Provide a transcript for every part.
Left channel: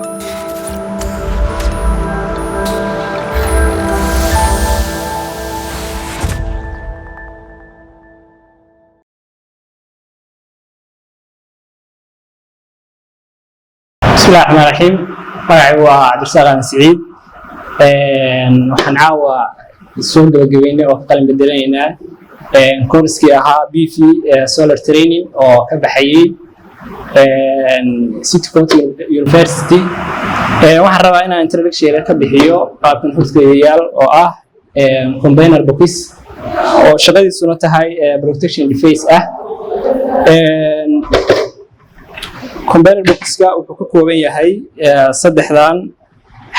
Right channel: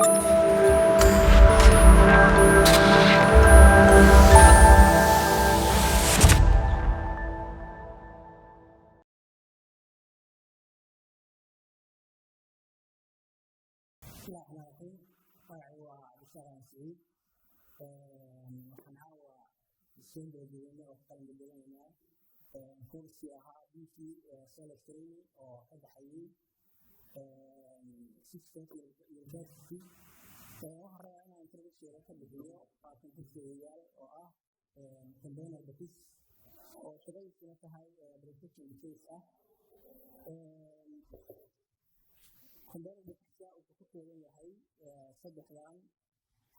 بسم الله الرحمن الرحيم. magacaygu waa Cabdirasaaq Aan Saciid. Waxaan caawa soo gabagabeynay oo qalin bedelayna course-kii ahaa BV Solar Training oo ka baxayay City County University. Waxaan rabaa inaan introduction ka bixiyo qaabkan hoggaamiyayaal oo ah combiner box oo shaqadiisuna tahay protection device ah. combiner box-ka wuxuu ka kooban yahay saddexdan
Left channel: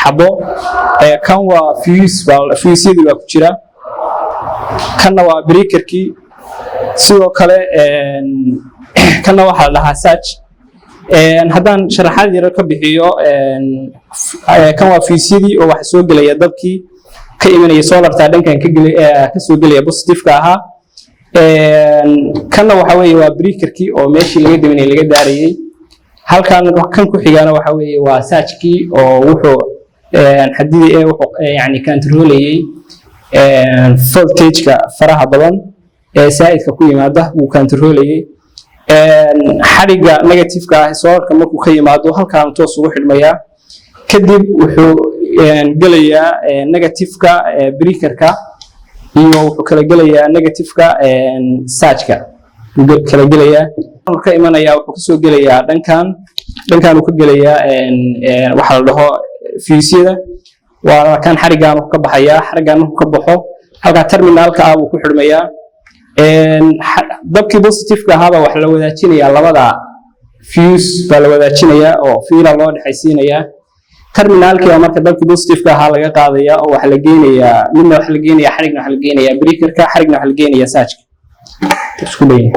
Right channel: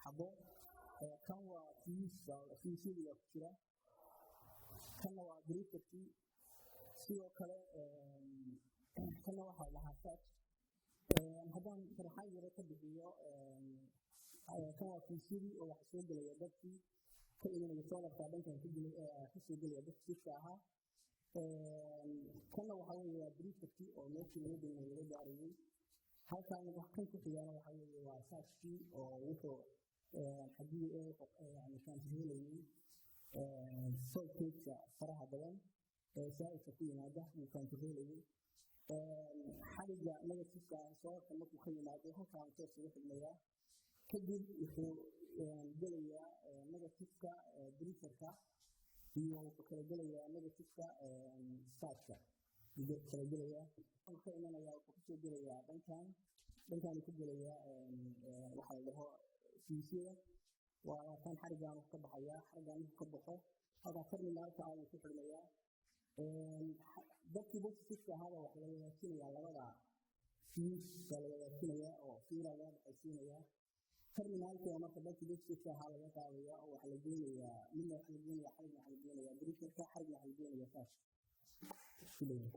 xabo. kan waa fuse-yadu waa ku jira, kanna waa breaker-kii, sidoo kale kanna waxaa la dhahaa surge. haddaan sharaxaad yar ka bixiyo, kan waa fuse-yadii oo waxa soo gelaya dabkii ka imanaya solarta dhankan ka soo gelaya positive-ka ahaa. kanna waxa weeye waa breaker-kii oo meeshii laga daminay laga daarayay. halkan kan ku xigana waxa weeye waa surge-kii oo wuxuu xadidii wuxuu yani control-ayay voltage-ka faraha badan ee saaidka ku yimaada uu control-ayay. xariga negative-ka ah solarka markuu ka yimaado halkan toos ugu xidhmaya, kadib wuxuu gelayaa negative-ka breaker-ka iyo wuxuu kala gelayaa negative-ka surge-ka kala gelayaa. ka imanaya wuxuu ka soo gelayaa dhankan uu ka gelayaa waxa la dhaho fuse-yada. waa kan xarigan uu ka baxaya, xarigan uu ka baxo halka terminalka ah uu ku xidhmayaa. dabkii positive-ka ahaaba waxa la wadaajinayaa labada fuse baa la wadaajinayaa oo fiila loo dhaxaysiinayaa. terminalkii marka dabkii positive-ka ahaa laga qaadaya oo waxa la geenayaa midna waxa la geenayaa xarigna waxa la geenayaa breaker-ka, xarigna waxa la geenayaa surge-ka. isku leeyahay